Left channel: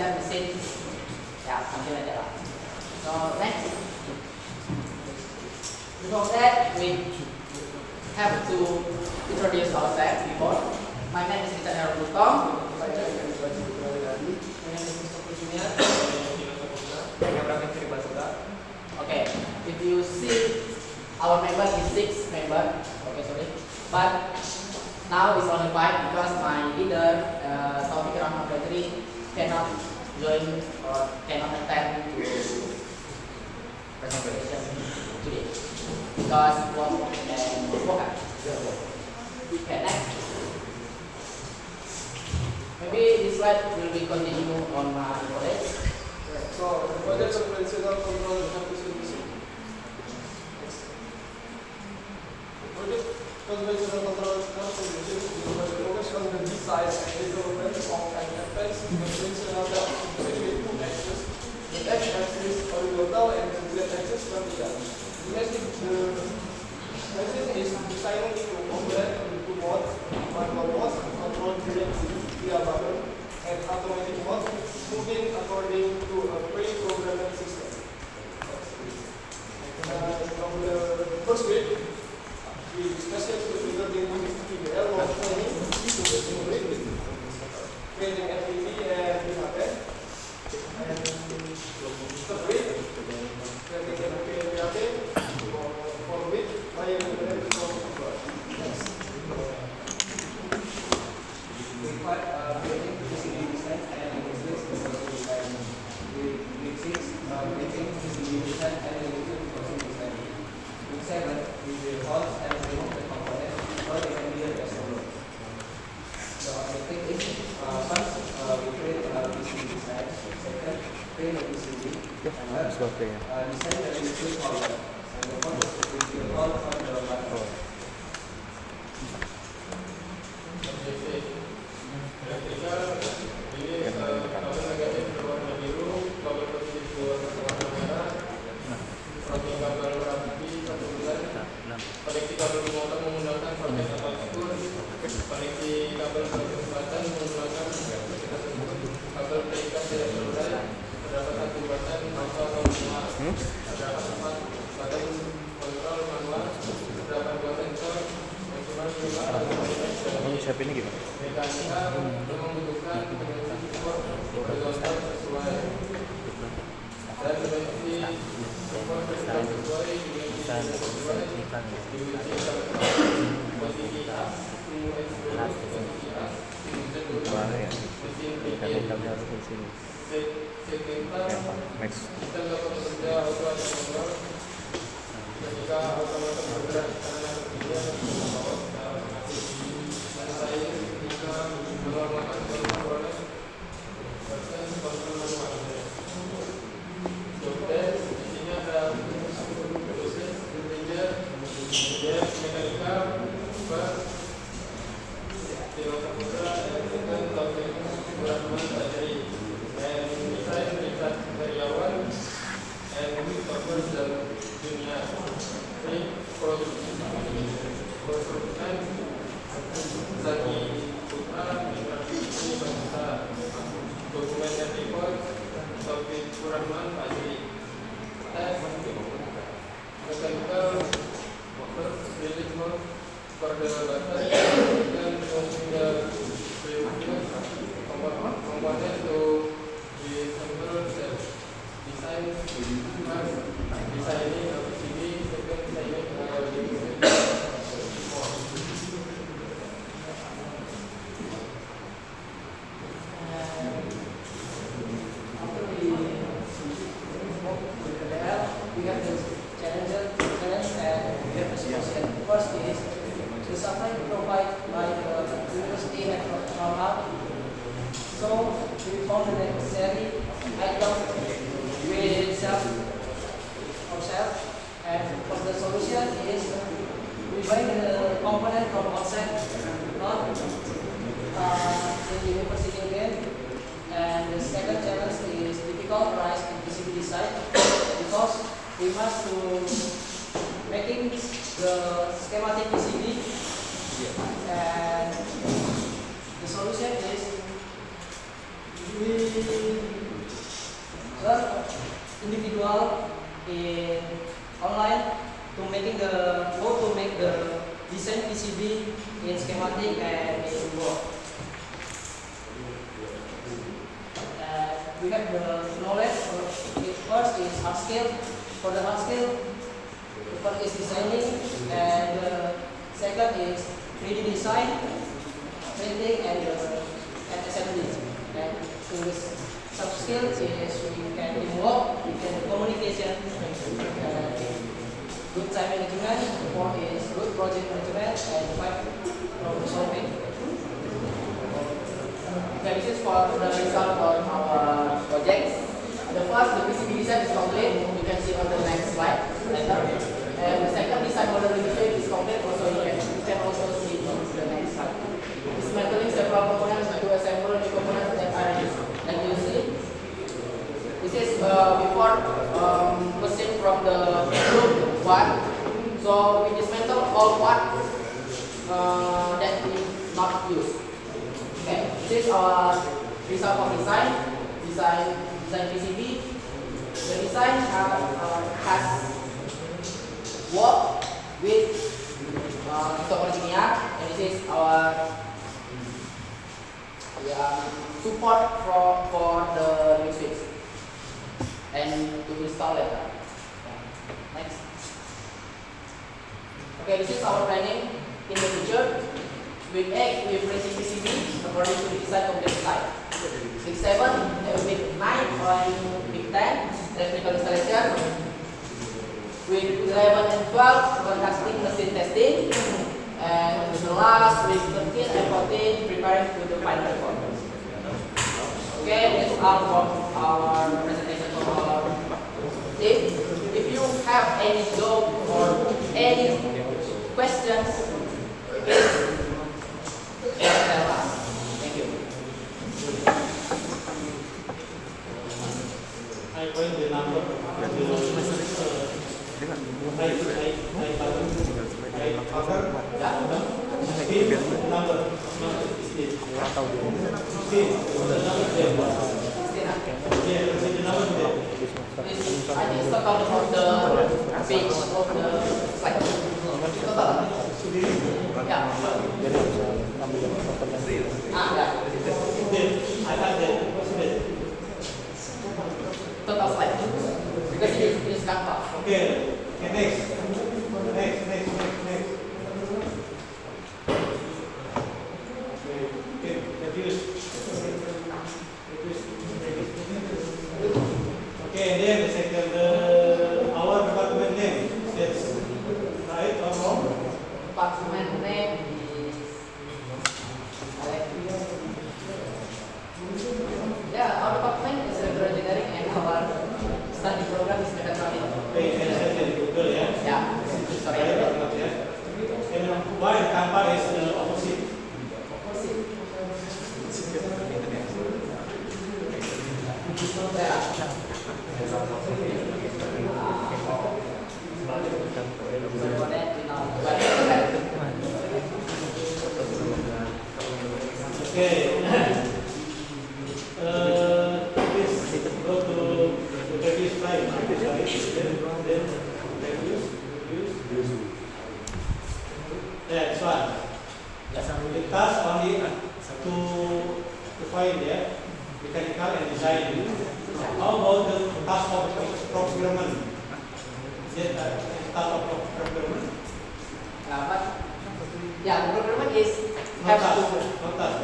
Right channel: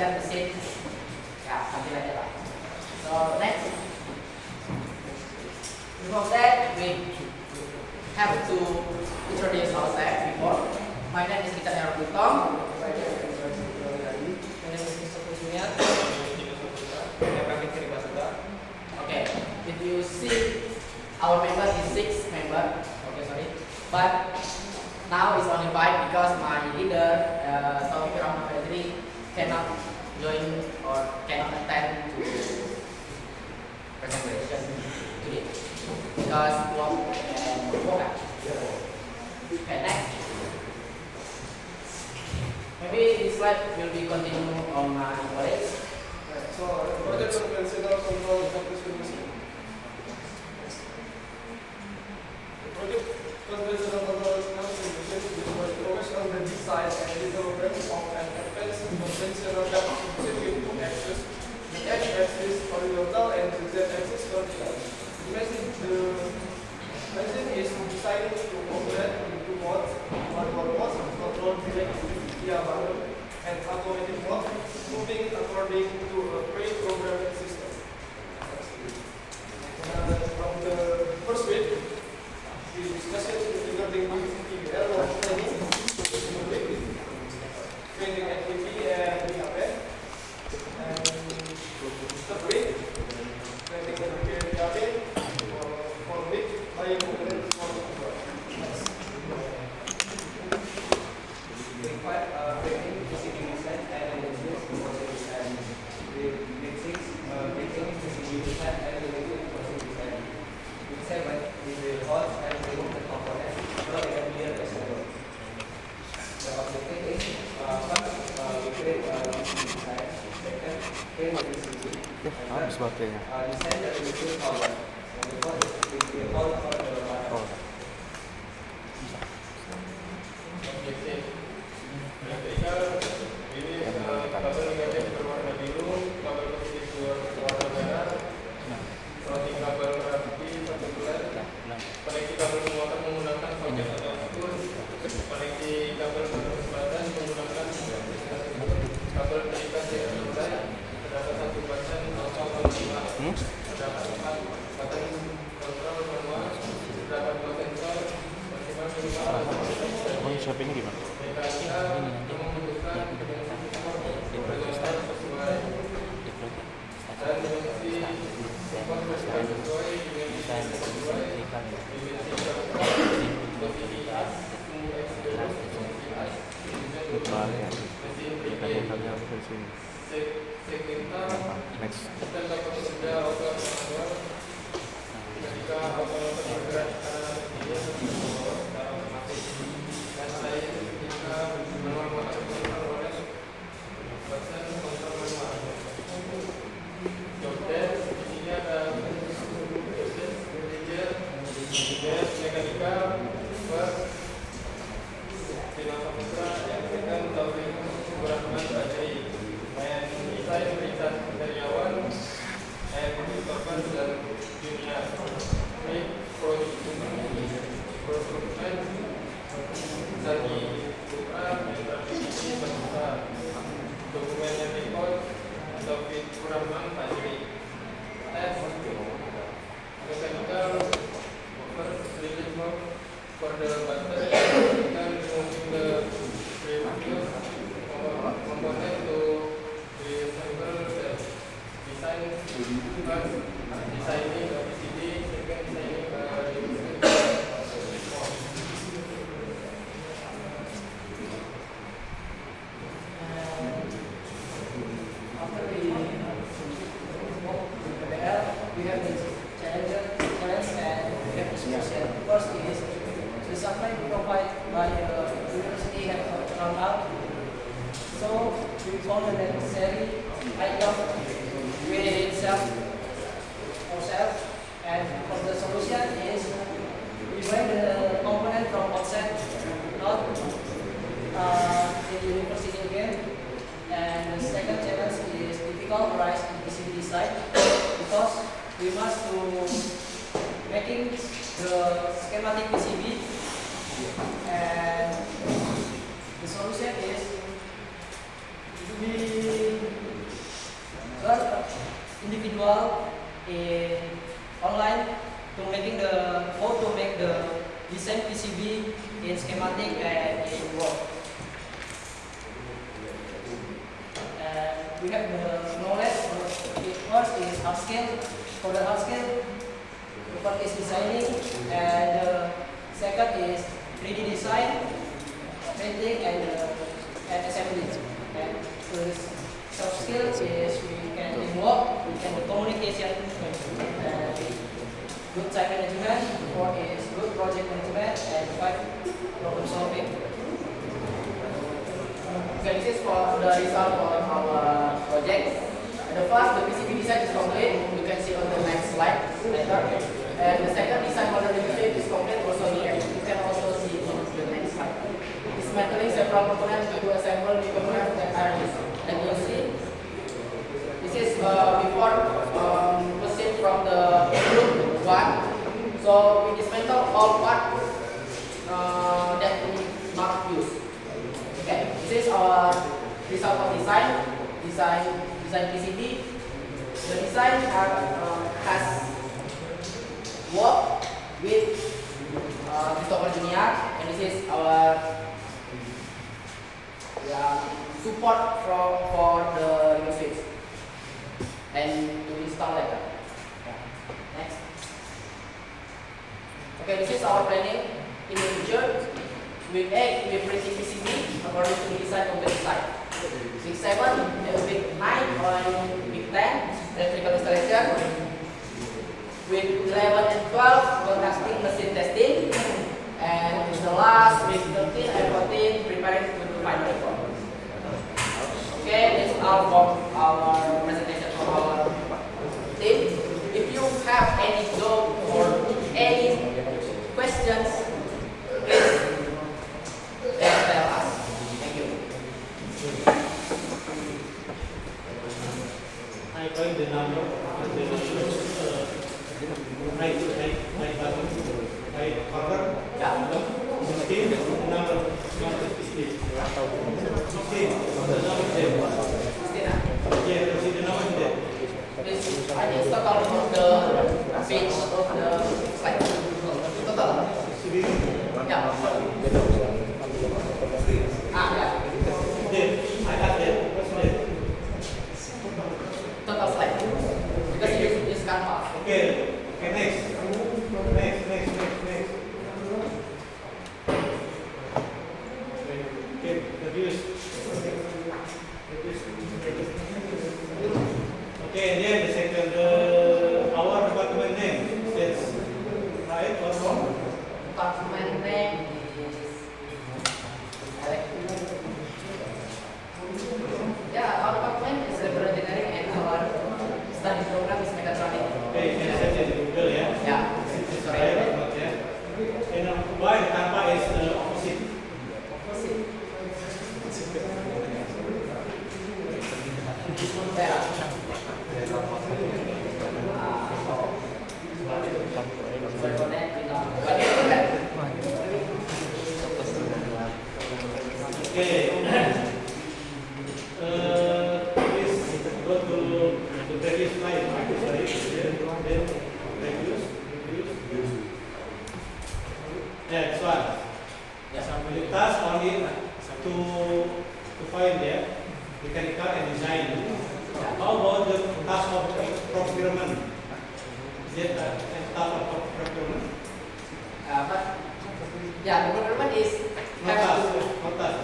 dan mesin. Ya, sambil aja lah. So next, before that we have to introduce ourselves before. My name is Richard Heron Putong. My name is Mr. Kujumiat. Okay, if you see our member is 6 member. Okay, sorry, but now it's only 5 because my leader Taufik Rahman Fredri cannot join or cannot attend to presentation today because work and work. Okay, next. Maybe this slide will be continue on my colleagues. So project conventional control efficiency. Project conventional control efficiency focus on the design and development of an advanced conventional circuit with axis. The x-axis horizontal and the z-axis vertical. The method is designing to operate into modes, manual mode, control via button, and automatic mode, moving according to a pre-programmed system. From the first bit, we discussed regarding PBL of planning, creating FTP and DHP, and third bit, creating FTP and DHP, for bit, buying component from abroad. Creating PCB design and analysis for design. Week 6, making PCB design and analysis for design. Week 7 is the host and remove the component for assembly and assembly. The objective is first we create PCB design. Second, create the PCB. Design the PCB problem. And the fourth is the whole of the matter. Objektif. Ini kabel negatif berwarna biru, kabel positif berwarna merah, routing kabel rapi 1 bulan, koneksi kabel motor menggunakan voltage atau output, koneksi kabel kecepatan menggunakan kabel pengikat saluran, terdapat 1 button alpha atau lima, terdapat 4 button kontrol manual, terdapat 2 sensor, maksimal minimal shopping di mana? mekanika membutuhkan horizontal sesuai dan dimensi support vertikal sesuai dimensi sesuai sistem dapat bekerja auto atau manual ketika otomatis bergerak ke kanan atau kiri atau ke bawah secara aktif dan saya jika menggunakan kontrol manual. Dokter isinya ada proses engineer mekanika Dewasa Putra yang dengan Taufik Rahman Fredri and saya Richard Karyawan and korban dalam dunia ini produsen Zaki Putra berarti ini bangsa dokumen dan report Taufik Rahman Fredri tes mechanical first village work for the butter dan component to assemble the design first designing a PCB, second designing a After we work with PBL, we have the challenge and we have the solution. First is the supply provided by the university have come up. So we found the necessary item with ourselves, and for the solution is we buy the component from outside, not the university again. And the second challenge is difficult price in PCB design because we must to making the schematic PCB, and the solution is we individual in online to making the how to make the design PCB in schematic and in work. We have the knowledge. The first is hard skill. For the hard skill, the first is designing, and the second is 3D design, printing, and assembly. And the soft skill is we can teamwork, we can do communication, and good time management. Four is good project management, and five, problem solving. Okay, this is for the result of our project. The first, the PCB design is complete. You can see on the next slide later. And the second, design model registration is complete. Also, you can also see on the next slide. Dismantling several components to assemble the components that are used. And you'll see, this is before proceed from the group one. So we dismantle all parts that we not use. Okay, this is our result of design PCB. The design has worked with Christopher Junior, and this is our support for the new switch and to install later. Next. Okay, this is our planning in the future. Week 8, we are printing PCB according to the design of the design. Week 7, week 9, and week 10, electrical installation. Week 11 and 12, conducting machine testing. And the last, week 13 and 14, preparing to the final report. Okay, this is all from our presentation from our team. If you have any joke or any questions, please tell us. Thank you. I find the number, I order, Yeah. 16, the number 16. 16, the number 10. Yeah, the number 10. This, I think it's total of the page of the slide. Total. Yeah. Yeah. I got that. What's that? Total slide. Because you use Canva. Okay, next. Okay, reduce. Okay, and then the second, our department name, that's right or wrong? Department name is our department is electrical engineering, and our study program is mechatronic. Okay, and search in Google, yeah? Yeah. Sorry. Right or not, yeah? And why the Tampa is the opposite? Opposite. Yeah. Okay. Please go to the previous slide. Then reduce. Yeah, this one. The task only to find mechanical and design. How about the task of procurement? Is it a task of procurement? But the procurement is No have task. to No task.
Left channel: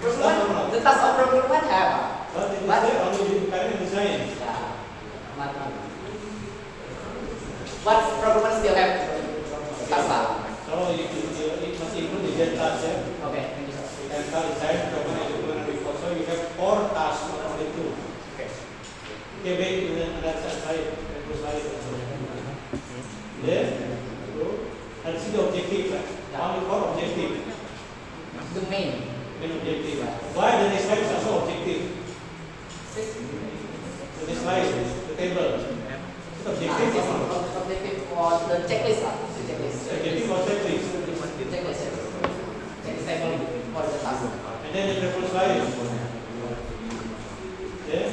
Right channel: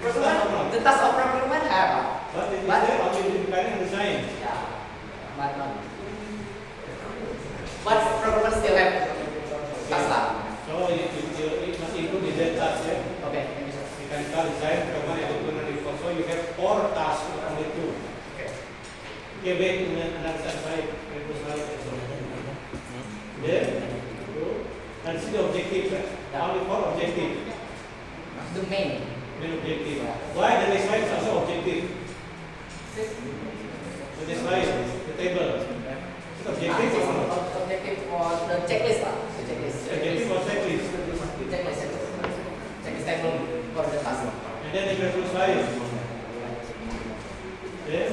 procurement. The task of procurement have. But it is But- there only mechanical and design. Yeah. But procurement still have task lah. So it must include the dead task, yeah? Okay, thank you sir. Mechanical design, procurement, and equipment report. So you have 4 tasks, not only 2. Okay. Okay, wait in another slide. There, go. And see the objective, right? Yeah. Only 4 objective. The main. Main objective. Why the next slide is also objective? So this slide, the table. It's objective This or is not? objective for the checklist lah. The checklist. Objective or checklist? Checklist. Checklist table for the task. And then the reference slide. Then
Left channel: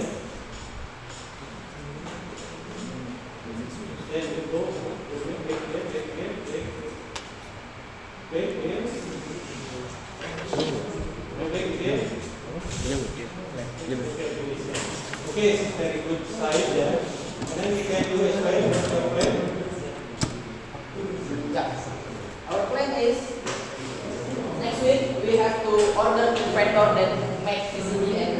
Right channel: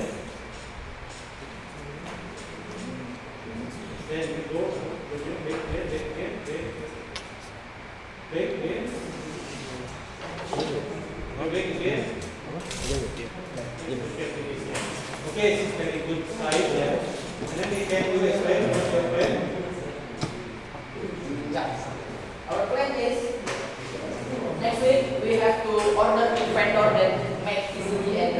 Back again. Back again. Okay, it's very good size there. And then we can do experiment. Yeah. Our plan is next week we have to order the vendor that make PCB and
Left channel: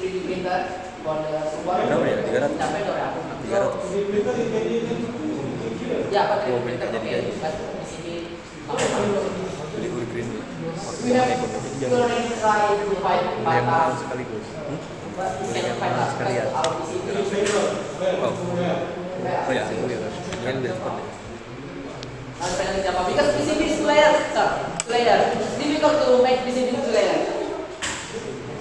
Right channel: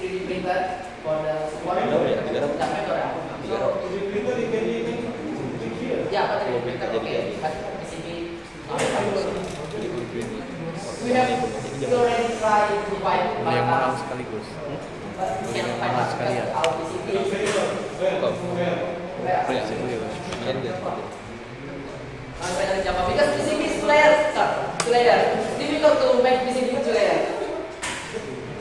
3D printer for the support. Vendor ya, tiga ratus. Yeah, vendor ya. So Printer you can use here. yeah, but 3D printer okay, but PCB not fine. We have already tried to find Yang mahal part, sekaligus. but we cannot find part because our PCB. Where? Oh ya, kan dia. Panel Java because PCB is two layers, sir. Two layers. Difficult to make PCB two layers.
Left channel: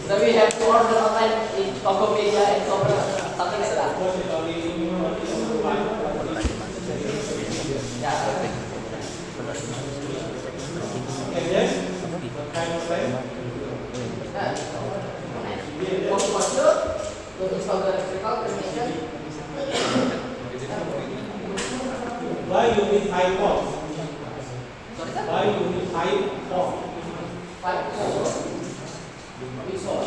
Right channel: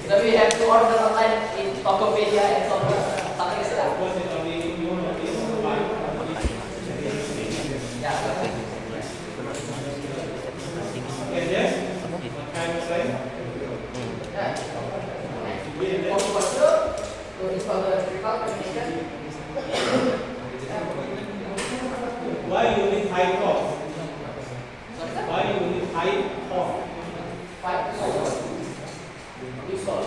So we have to order online in Tokopedia and something like that. Because it's only online. Yeah. Okay, yes. What kind of size? Yeah. For sure, to install the electrical termination. Why you need 5 ports? Sorry, sir. Why you need 5 ports? 5 ports. This one.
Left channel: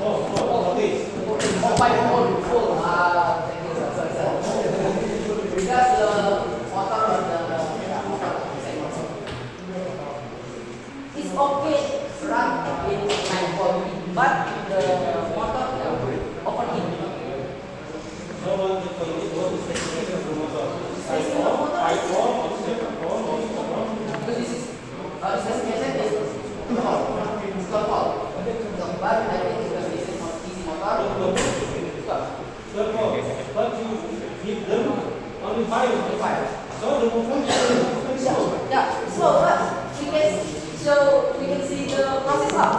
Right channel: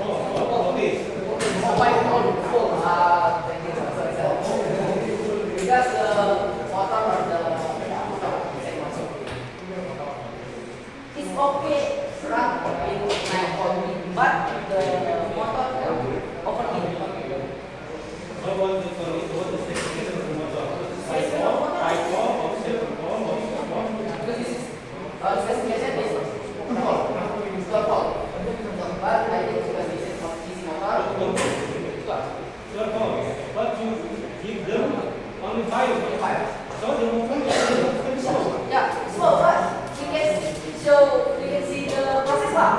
Oh, okay. Oh, 5 ports full. Thank you, sir. Sorry, sir. Because the motor or the it's okay run in 9 volt, but the motor overheat. How about the specification of the motor? 5 port, or 7 port, Because this is specification is 12 volt. 12 volt. But I think because this is DC motor, 12. 12 port. But you give them only 5. 5. So the movement is very slow. Yeah. So but we can see the process lah.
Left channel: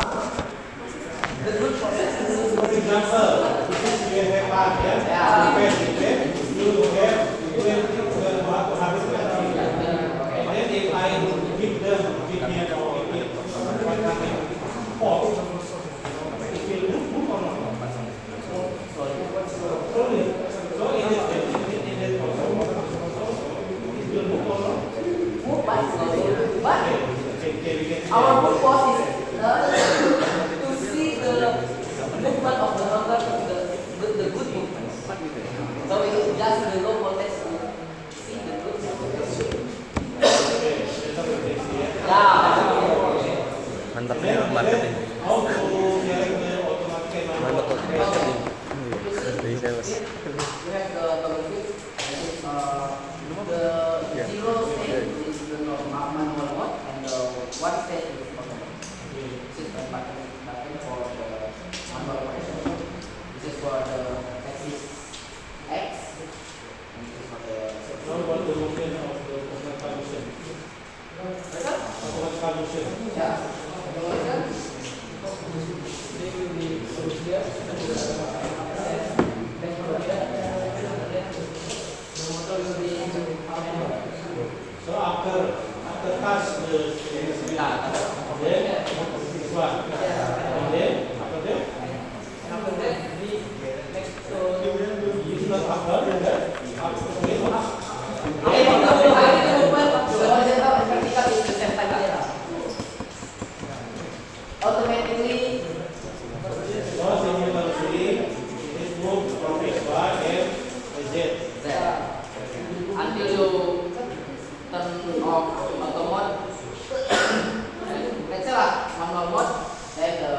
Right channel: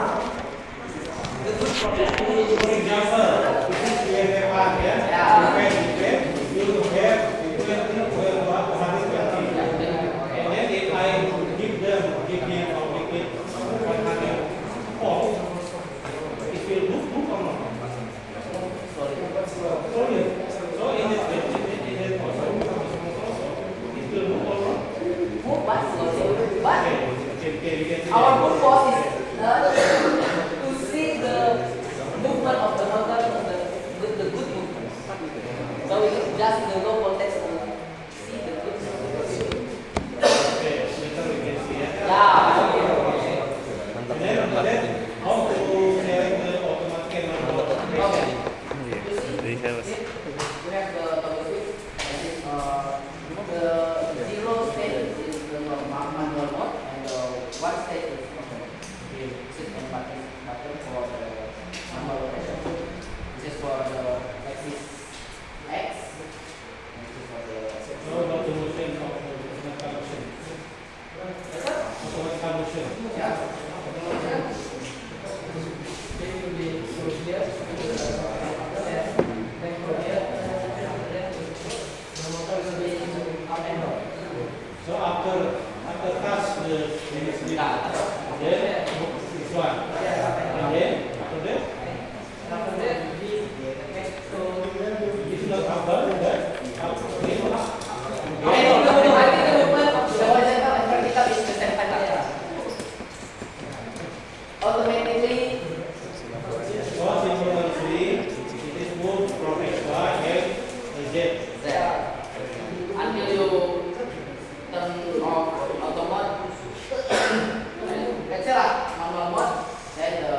The good process. For example, this is where they part, yeah? Yeah. You have 120. And then if I give him or give it 100 port, it will move or not? Sorry. So in this case, it is also it will move or not? Move but slowly. But Okay, we can see our that. purpose is to see the movement of the motor, the good movement. So we just the low voltage to see the good movement. Okay, better we can see it. Yeah. Mantap And ya, then mantap. how to select the automatic and manual Okay. operation. Dari sales. We have the toggle switch. The zero state is the manual mode, and the one state is automatic. This is the button for the manual operation. This is for the axis X, and this is for the Now about the motion of the automatic motion. Automatic motion. yeah. Motion. They will be here. Then from here, the motor will be up and down. So after touch the then this one. And then after that, And after that, we make so. it is not after that. After I think the movement of the horizontal and vertical is the same time. Automatically, once the motor swing, it is moved from XY and Z. there. Until you turn off auto mode, and let's say lah manual mode, then the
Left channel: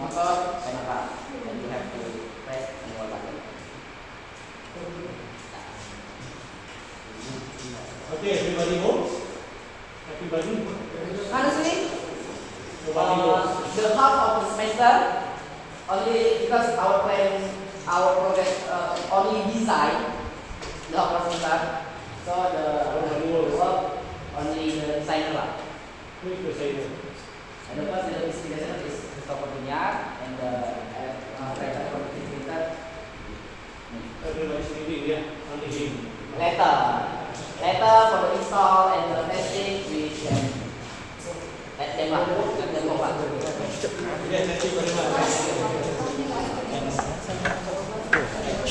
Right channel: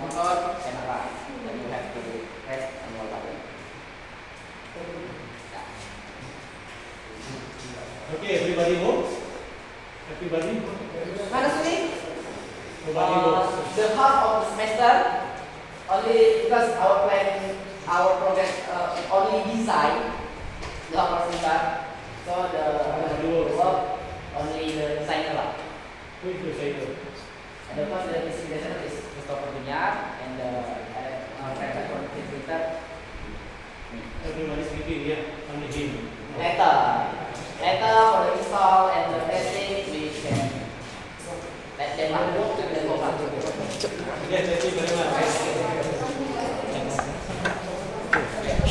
motor can run, and you have to press manual button. Okay, everybody moves. Everybody. Honestly, Nobody moves. the half of the semester only because our plan, our progress only design the half of semester. So the work only the designer lah. Who is the sailor? And the first the specification is Christopher Dunyar and the Fred printer. Everybody is thinking, yeah, only him. Later for the install and the testing we can let them lah and then go back. Yes, thank you very much.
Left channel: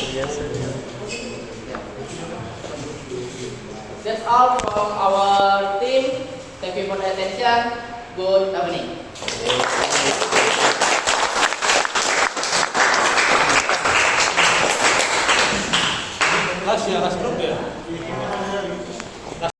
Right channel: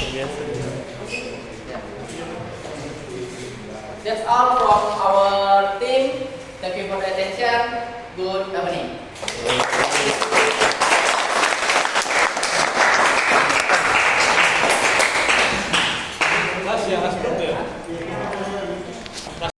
Biasa. That's all from our team. Thank you for the attention. Good evening.